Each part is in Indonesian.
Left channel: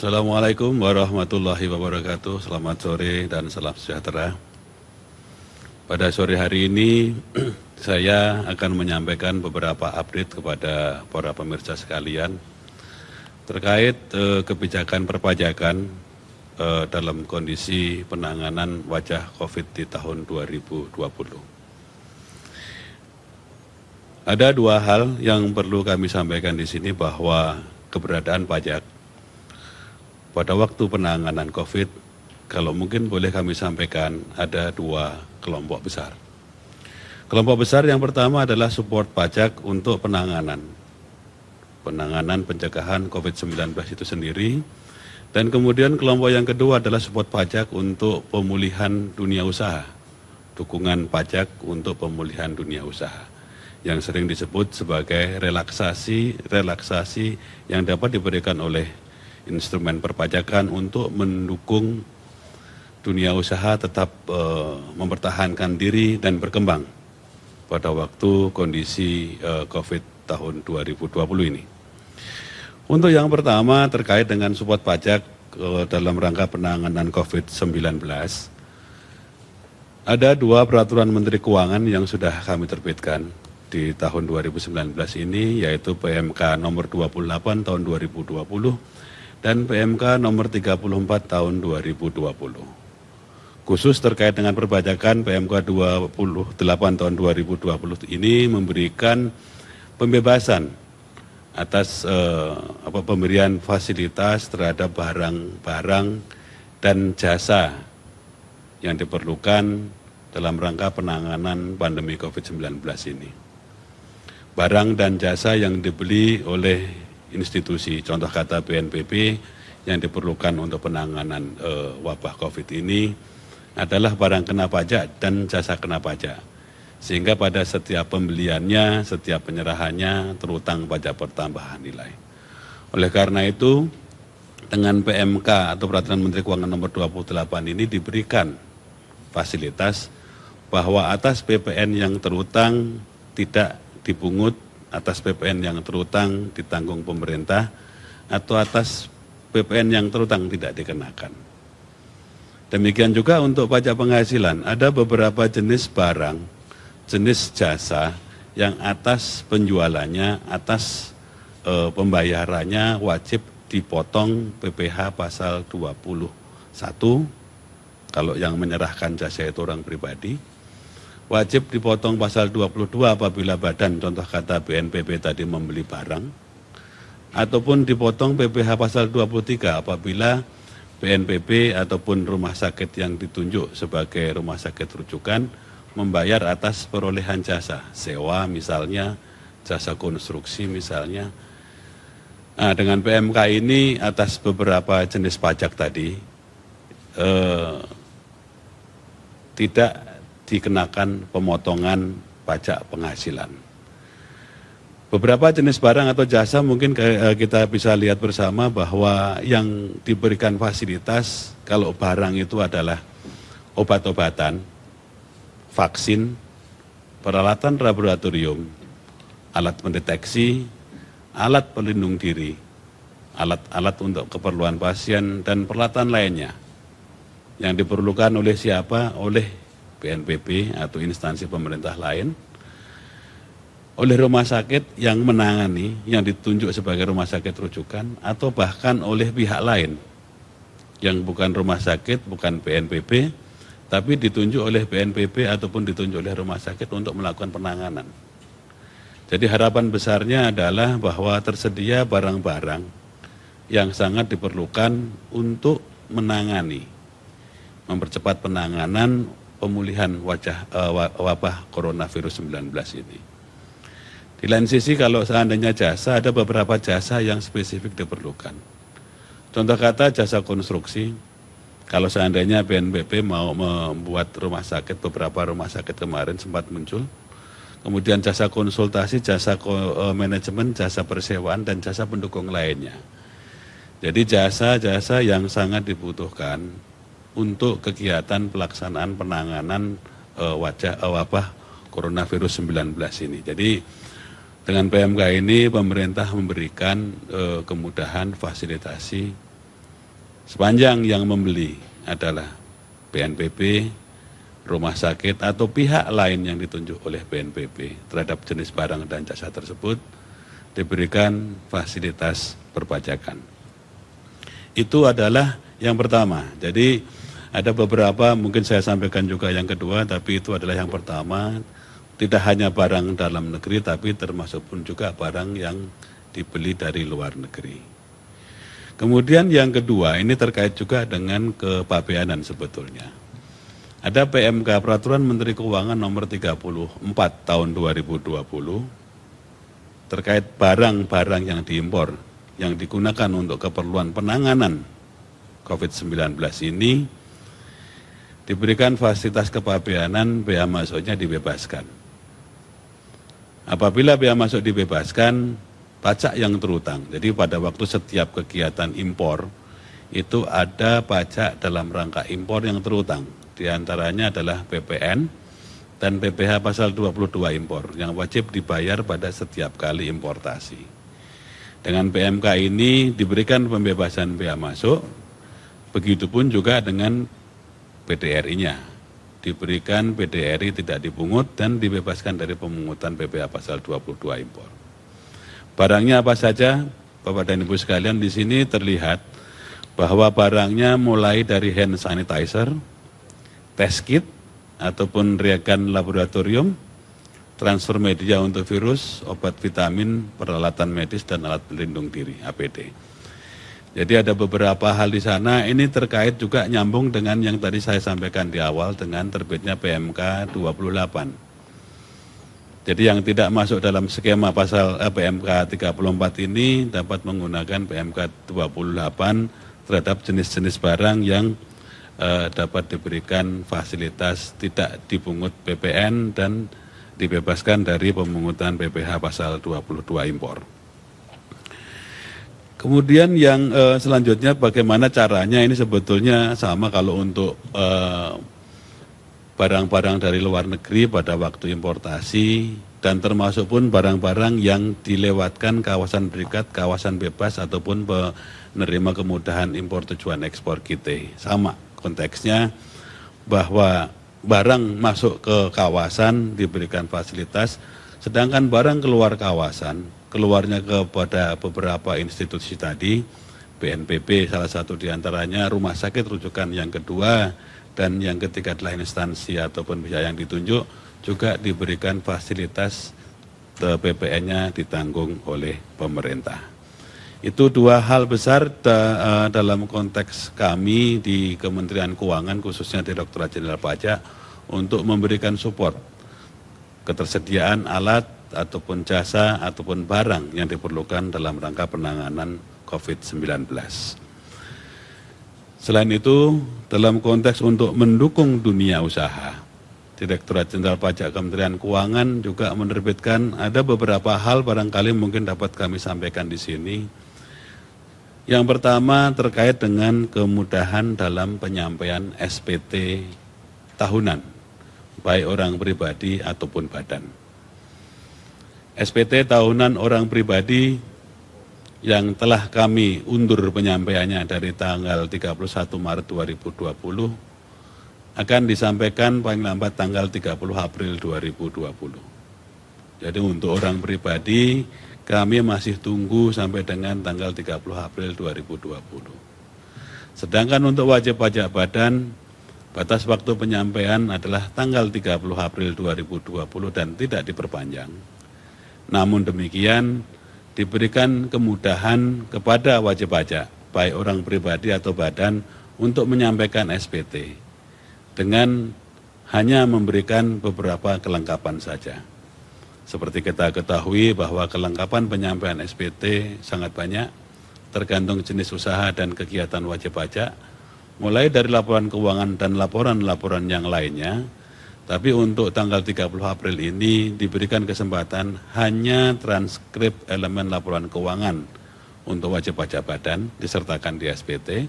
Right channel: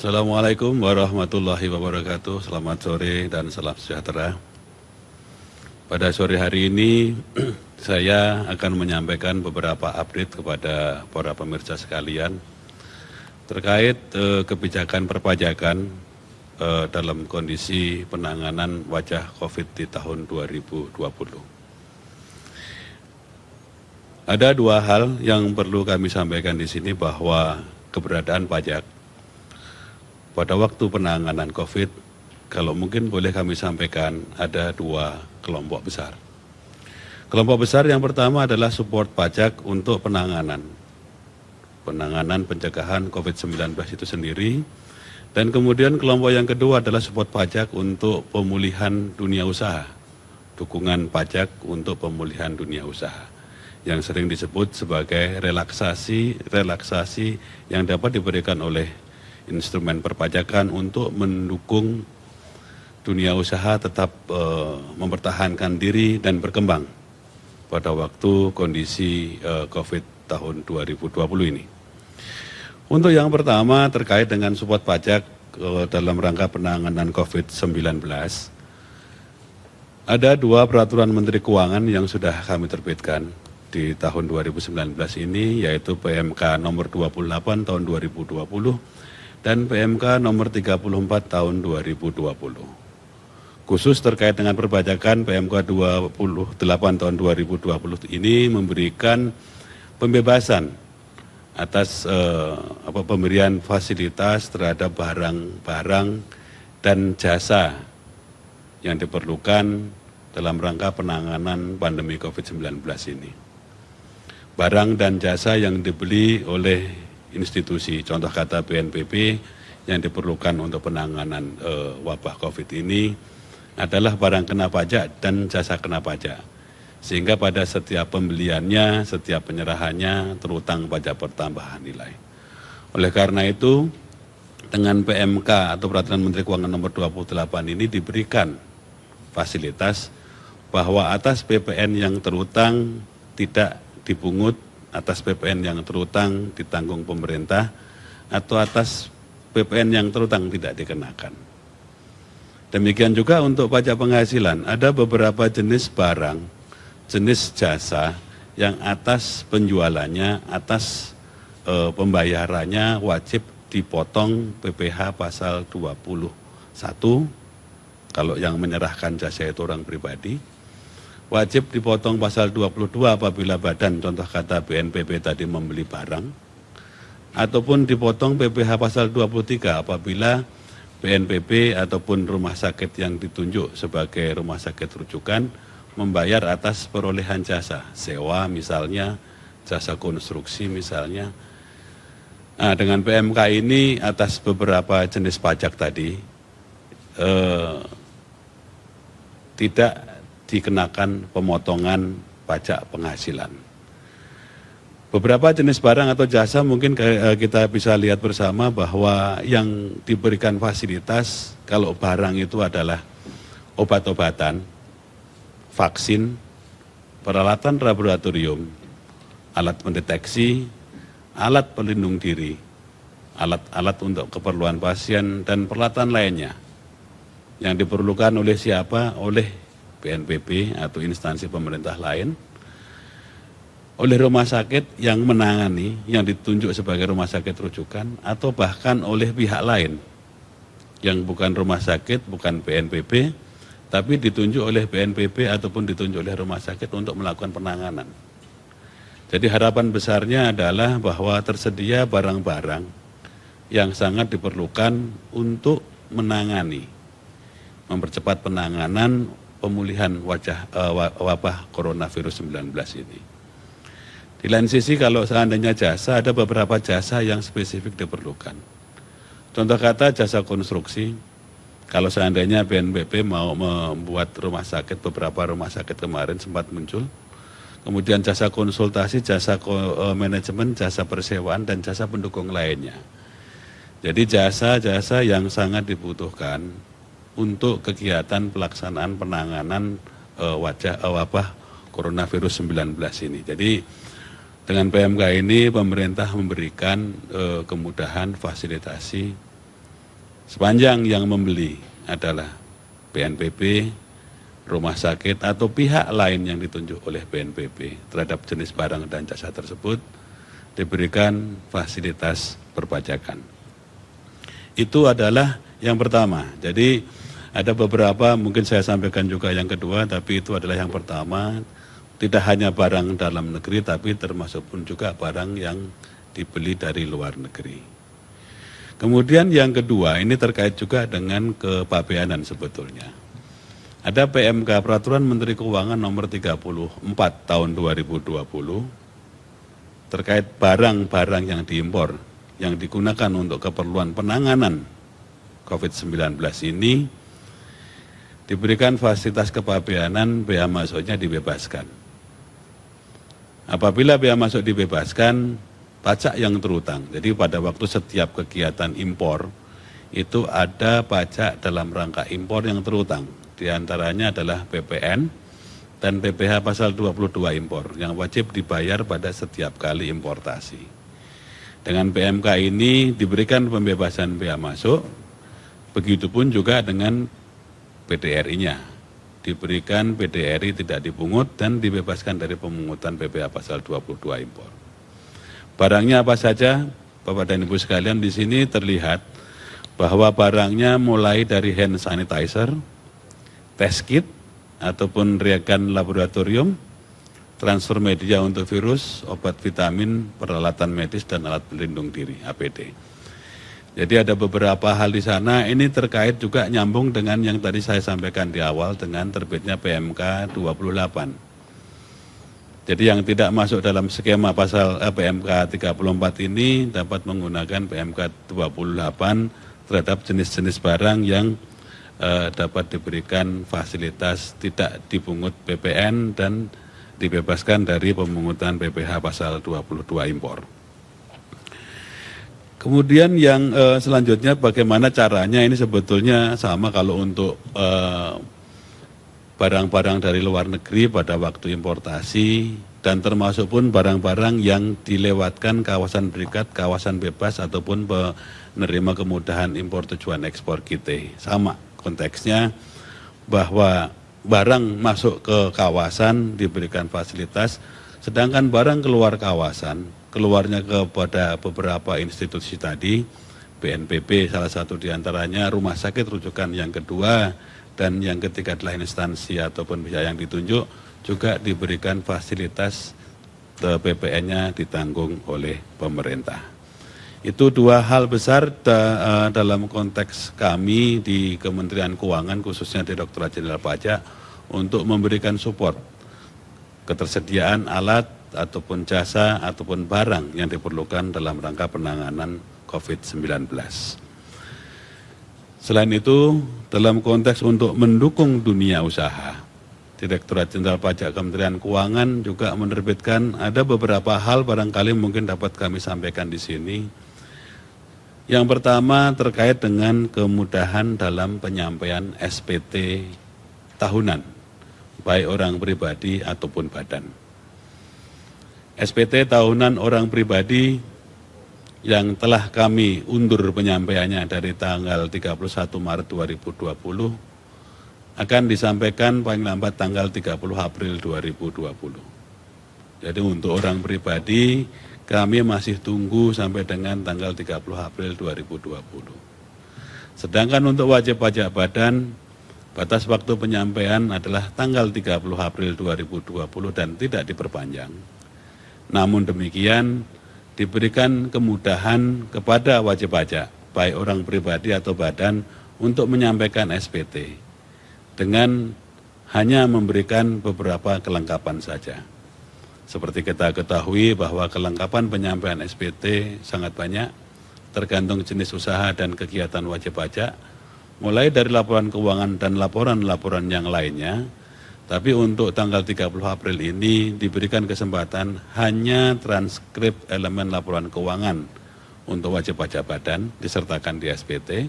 Assalamualaikum warahmatullahi wabarakatuh. Selamat sore dan salam sejahtera. Pada sore hari ini saya akan menyampaikan beberapa update kepada para pemirsa sekalian terkait kebijakan perpajakan dalam kondisi penanganan wabah COVID di tahun 2020. Ada dua hal yang perlu kami sampaikan di sini, bahwa keberadaan pajak pada waktu penanganan COVID, kalau mungkin boleh kami sampaikan, ada dua kelompok besar. Kelompok besar yang pertama adalah support pajak untuk penanganan pencegahan COVID-19 itu sendiri. Dan kemudian kelompok yang kedua adalah support pajak untuk pemulihan dunia usaha. Dukungan pajak untuk pemulihan dunia usaha, yang sering disebut sebagai relaksasi yang dapat diberikan oleh instrumen perpajakan untuk mendukung dunia usaha tetap mempertahankan diri dan berkembang pada waktu kondisi COVID tahun 2020 ini. Untuk yang pertama terkait dengan support pajak dalam rangka penanganan COVID-19, ada dua peraturan Menteri Keuangan yang sudah kami terbitkan di tahun 2019 ini, yaitu PMK nomor 28 tahun 2020 dan PMK nomor 34 tahun 2020. Khusus terkait dengan perpajakan, PMK 28 tahun 2020 ini memberikan pembebasan atas pemberian fasilitas terhadap barang-barang dan jasa yang diperlukan dalam rangka penanganan pandemi COVID-19 ini. Barang dan jasa yang dibeli oleh institusi, contoh kata BNPB, yang diperlukan untuk penanganan wabah COVID ini adalah barang kena pajak dan jasa kena pajak. Sehingga pada setiap pembeliannya, setiap penyerahannya terutang pajak pertambahan nilai. Oleh karena itu, dengan PMK atau Peraturan Menteri Keuangan nomor 28 ini diberikan fasilitas bahwa atas PPN yang terutang tidak dipungut, atas PPN yang terutang ditanggung pemerintah, atau atas PPN yang terutang tidak dikenakan. Demikian juga untuk pajak penghasilan, ada beberapa jenis barang, jenis jasa yang atas penjualannya, atas pembayarannya wajib dipotong PPh pasal 21, kalau yang menyerahkan jasa itu orang pribadi. Wajib dipotong pasal 22 apabila badan, contoh kata BNPB tadi, membeli barang. Ataupun dipotong PPh pasal 23 apabila BNPB ataupun rumah sakit yang ditunjuk sebagai rumah sakit rujukan membayar atas perolehan jasa, sewa misalnya, jasa konstruksi misalnya. Nah, dengan PMK ini atas beberapa jenis pajak tadi tidak dikenakan pemotongan pajak penghasilan. Beberapa jenis barang atau jasa mungkin kita bisa lihat bersama bahwa yang diberikan fasilitas, kalau barang itu adalah obat-obatan, vaksin, peralatan laboratorium, alat pendeteksi, alat pelindung diri, alat-alat untuk keperluan pasien, dan peralatan lainnya yang diperlukan oleh siapa? Oleh BNPB atau instansi pemerintah lain, oleh rumah sakit yang menangani, yang ditunjuk sebagai rumah sakit rujukan, atau bahkan oleh pihak lain yang bukan rumah sakit, bukan BNPB, tapi ditunjuk oleh BNPB ataupun ditunjuk oleh rumah sakit untuk melakukan penanganan. Jadi harapan besarnya adalah bahwa tersedia barang-barang yang sangat diperlukan untuk menangani, mempercepat penanganan pemulihan wabah coronavirus 19 ini. Di lain sisi, kalau seandainya jasa, ada beberapa jasa yang spesifik diperlukan. Contoh kata jasa konstruksi, kalau seandainya BNPB mau membuat rumah sakit, beberapa rumah sakit kemarin sempat muncul, kemudian jasa konsultasi, jasa manajemen, jasa persewaan, dan jasa pendukung lainnya. Jadi jasa-jasa yang sangat dibutuhkan untuk kegiatan pelaksanaan penanganan wabah coronavirus 19 ini. Jadi dengan PMK ini pemerintah memberikan kemudahan fasilitasi Sepanjang yang membeli adalah BNPB, rumah sakit atau pihak lain yang ditunjuk oleh BNPB terhadap jenis barang dan jasa tersebut diberikan fasilitas perpajakan. Itu adalah yang pertama. Jadi ada beberapa, mungkin saya sampaikan juga yang kedua, tapi itu adalah yang pertama. Tidak hanya barang dalam negeri, tapi termasuk pun juga barang yang dibeli dari luar negeri. Kemudian yang kedua, ini terkait juga dengan kepabeanan sebetulnya. Ada PMK, Peraturan Menteri Keuangan nomor 34 tahun 2020, terkait barang-barang yang diimpor, yang digunakan untuk keperluan penanganan COVID-19 ini, diberikan fasilitas kepabeanan, bea masuknya dibebaskan. Apabila bea masuk dibebaskan, pajak yang terutang. Jadi pada waktu setiap kegiatan impor, itu ada pajak dalam rangka impor yang terutang. Di antaranya adalah PPN dan PPh pasal 22 impor, yang wajib dibayar pada setiap kali importasi. Dengan PMK ini diberikan pembebasan bea masuk, begitupun juga dengan PDRI-nya. Diberikan PDRI tidak dipungut dan dibebaskan dari pemungutan PPh pasal 22 impor. Barangnya apa saja, Bapak dan Ibu sekalian, di sini terlihat bahwa barangnya mulai dari hand sanitizer, test kit, ataupun reagen laboratorium, transfer media untuk virus, obat vitamin, peralatan medis, dan alat pelindung diri, APD. Jadi ada beberapa hal di sana, ini terkait juga nyambung dengan yang tadi saya sampaikan di awal dengan terbitnya PMK 28. Jadi yang tidak masuk dalam skema pasal PMK 34 ini dapat menggunakan PMK 28 terhadap jenis-jenis barang yang dapat diberikan fasilitas tidak dipungut PPN dan dibebaskan dari pemungutan PPh pasal 22 impor. Kemudian yang selanjutnya bagaimana caranya, ini sebetulnya sama kalau untuk barang-barang dari luar negeri pada waktu importasi dan termasuk pun barang-barang yang dilewatkan kawasan berikat, kawasan bebas ataupun menerima kemudahan impor tujuan ekspor kita. Sama konteksnya bahwa barang masuk ke kawasan diberikan fasilitas, sedangkan barang keluar kawasan, keluarnya kepada beberapa institusi tadi, BNPB salah satu diantaranya, rumah sakit rujukan yang kedua, dan yang ketiga adalah instansi ataupun pihak yang ditunjuk, juga diberikan fasilitas PPN-nya ditanggung oleh pemerintah. Itu dua hal besar dalam konteks kami di Kementerian Keuangan, khususnya Direktorat Jenderal Pajak, untuk memberikan support ketersediaan alat ataupun jasa ataupun barang yang diperlukan dalam rangka penanganan COVID-19. Selain itu, dalam konteks untuk mendukung dunia usaha, Direktorat Jenderal Pajak Kementerian Keuangan juga menerbitkan ada beberapa hal barangkali mungkin dapat kami sampaikan di sini. Yang pertama terkait dengan kemudahan dalam penyampaian SPT tahunan, baik orang pribadi ataupun badan. SPT tahunan orang pribadi yang telah kami undur penyampaiannya dari tanggal 31 Maret 2020 akan disampaikan paling lambat tanggal 30 April 2020. Jadi untuk orang pribadi kami masih tunggu sampai dengan tanggal 30 April 2020. Sedangkan untuk wajib pajak badan, batas waktu penyampaian adalah tanggal 30 April 2020 dan tidak diperpanjang. Namun demikian, diberikan kemudahan kepada wajib pajak, baik orang pribadi atau badan, untuk menyampaikan SPT dengan hanya memberikan beberapa kelengkapan saja. Seperti kita ketahui bahwa kelengkapan penyampaian SPT sangat banyak, tergantung jenis usaha dan kegiatan wajib pajak, mulai dari laporan keuangan dan laporan-laporan yang lainnya. Tapi untuk tanggal 30 April ini diberikan kesempatan hanya transkrip elemen laporan keuangan untuk wajib pajak badan disertakan di SPT,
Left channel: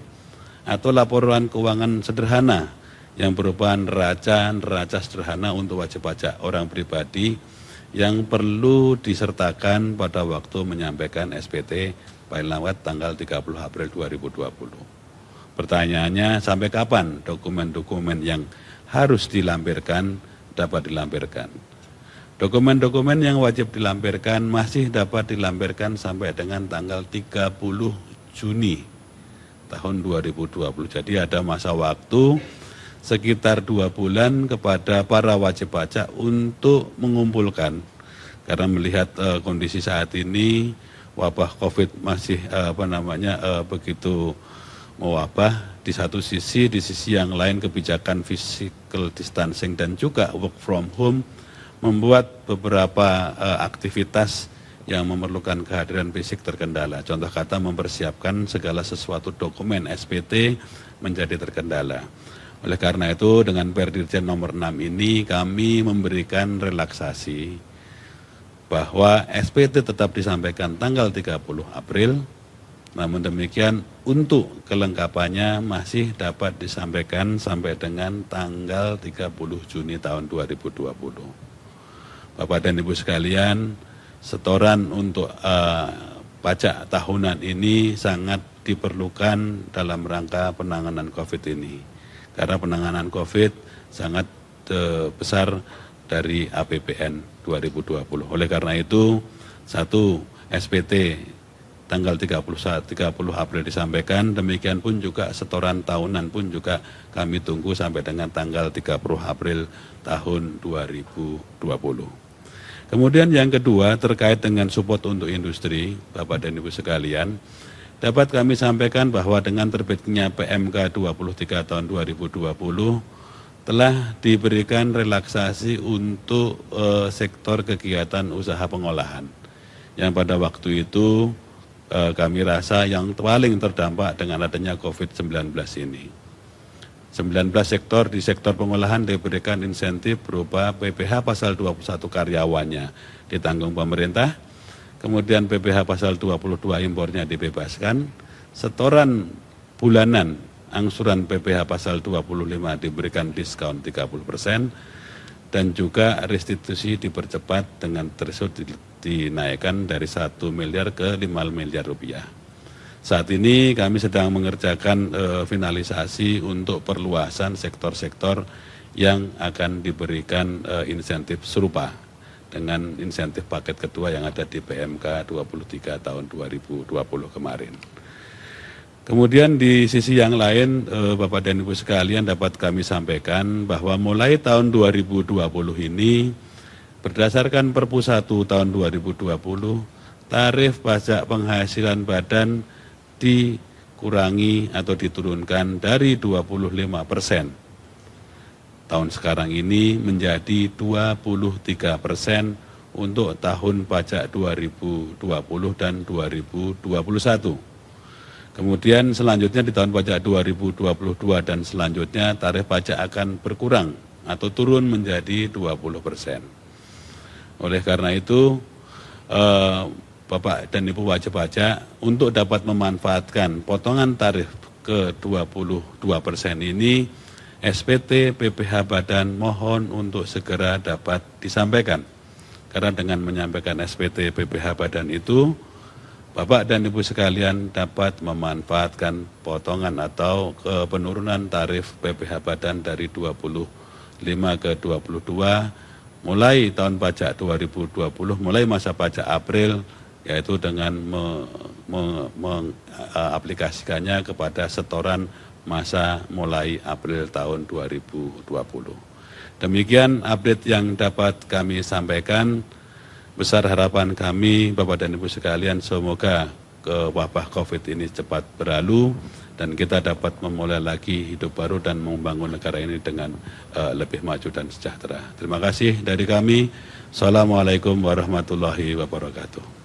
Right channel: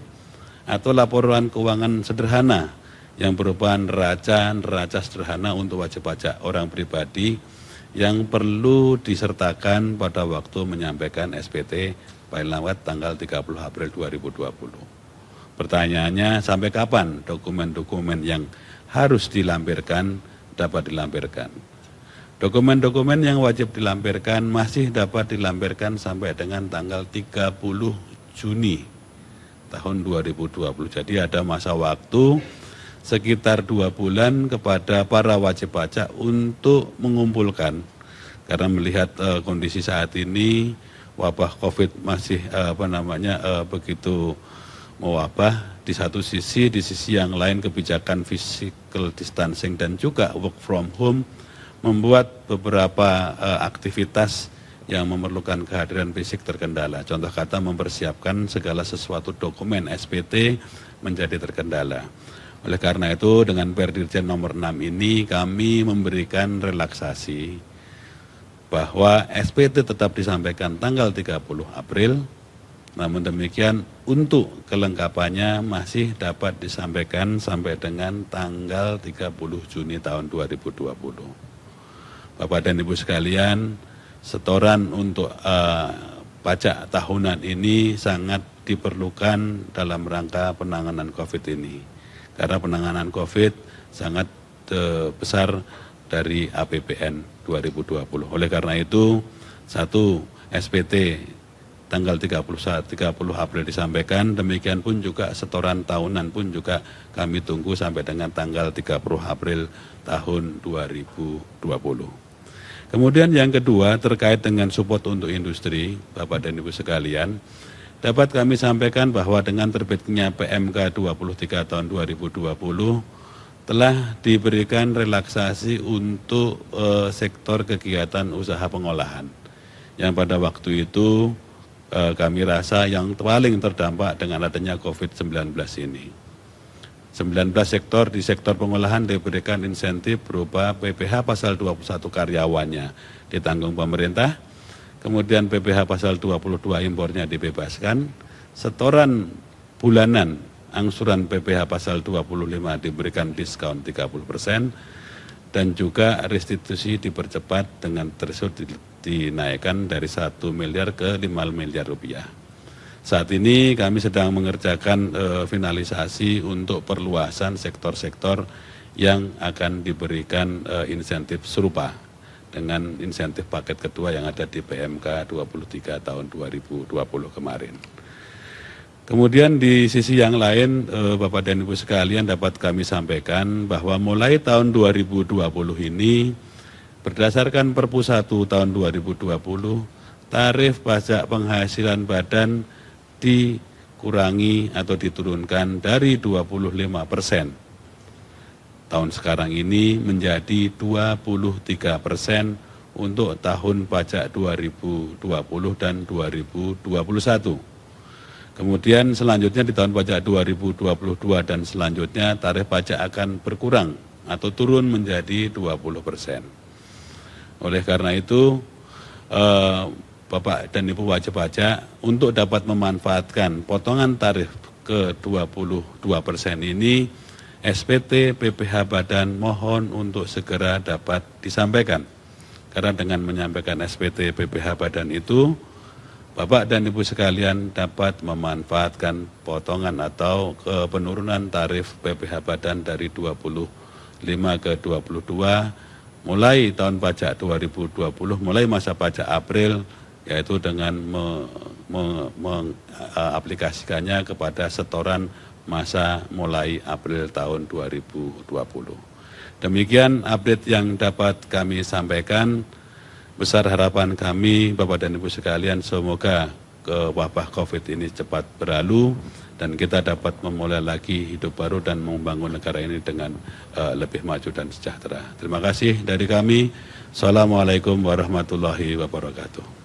atau laporan keuangan sederhana yang berupa neraca sederhana untuk wajib pajak orang pribadi yang perlu disertakan pada waktu menyampaikan SPT paling lambat tanggal 30 April 2020. Pertanyaannya, sampai kapan dokumen-dokumen yang harus dilampirkan dapat dilampirkan? Dokumen-dokumen yang wajib dilampirkan masih dapat dilampirkan sampai dengan tanggal 30 Juni tahun 2020. Jadi ada masa waktu sekitar 2 bulan kepada para wajib pajak untuk mengumpulkan. Karena melihat kondisi saat ini wabah COVID masih begitu mewabah. Di satu sisi, di sisi yang lain kebijakan physical distancing dan juga work from home membuat beberapa aktivitas yang memerlukan kehadiran fisik terkendala. Contoh kata mempersiapkan segala sesuatu dokumen SPT menjadi terkendala. Oleh karena itu dengan Perdirjen nomor 6 ini kami memberikan relaksasi bahwa SPT tetap disampaikan tanggal 30 April, namun demikian untuk kelengkapannya masih dapat disampaikan sampai dengan tanggal 30 Juni tahun 2020. Bapak dan Ibu sekalian, setoran untuk pajak tahunan ini sangat diperlukan dalam rangka penanganan COVID ini. Karena penanganan COVID sangat besar dari APBN 2020. Oleh karena itu, satu SPT tanggal 30 April disampaikan, demikian pun juga setoran tahunan pun juga kami tunggu sampai dengan tanggal 30 April tahun 2020. Kemudian yang kedua terkait dengan support untuk industri, Bapak dan Ibu sekalian, dapat kami sampaikan bahwa dengan terbitnya PMK 23 tahun 2020, telah diberikan relaksasi untuk sektor kegiatan usaha pengolahan. Yang pada waktu itu kami rasa yang paling terdampak dengan adanya COVID-19 ini. 19 sektor di sektor pengolahan diberikan insentif berupa PPh pasal 21 karyawannya ditanggung pemerintah, kemudian PPh pasal 22 impornya dibebaskan, setoran bulanan angsuran PPh pasal 25 diberikan diskon 30%, dan juga restitusi dipercepat dengan threshold dinaikkan dari 1 miliar ke 5 miliar rupiah. Saat ini kami sedang mengerjakan finalisasi untuk perluasan sektor-sektor yang akan diberikan insentif serupa dengan insentif paket kedua yang ada di PMK 23 tahun 2020 kemarin. Kemudian di sisi yang lain, Bapak dan Ibu sekalian dapat kami sampaikan bahwa mulai tahun 2020 ini, berdasarkan Perpu 1 tahun 2020, tarif pajak penghasilan badan dikurangi atau diturunkan dari 25% tahun sekarang ini menjadi 23% untuk tahun pajak 2020 dan 2021. Kemudian selanjutnya di tahun pajak 2022 dan selanjutnya tarif pajak akan berkurang atau turun menjadi 20%. Oleh karena itu, Bapak dan Ibu wajib pajak untuk dapat memanfaatkan potongan tarif ke 22% ini, SPT PPh Badan mohon untuk segera dapat disampaikan. Karena dengan menyampaikan SPT PPh Badan itu, Bapak dan Ibu sekalian dapat memanfaatkan potongan atau penurunan tarif PPh Badan dari 25 ke 22 mulai tahun pajak 2020, mulai masa pajak April, yaitu dengan mengaplikasikannya kepada setoran masa mulai April tahun 2020. Demikian update yang dapat kami sampaikan. Besar harapan kami, Bapak dan Ibu sekalian, semoga wabah COVID ini cepat berlalu dan kita dapat memulai lagi hidup baru dan membangun negara ini dengan lebih maju dan sejahtera. Terima kasih dari kami. Assalamualaikum warahmatullahi wabarakatuh.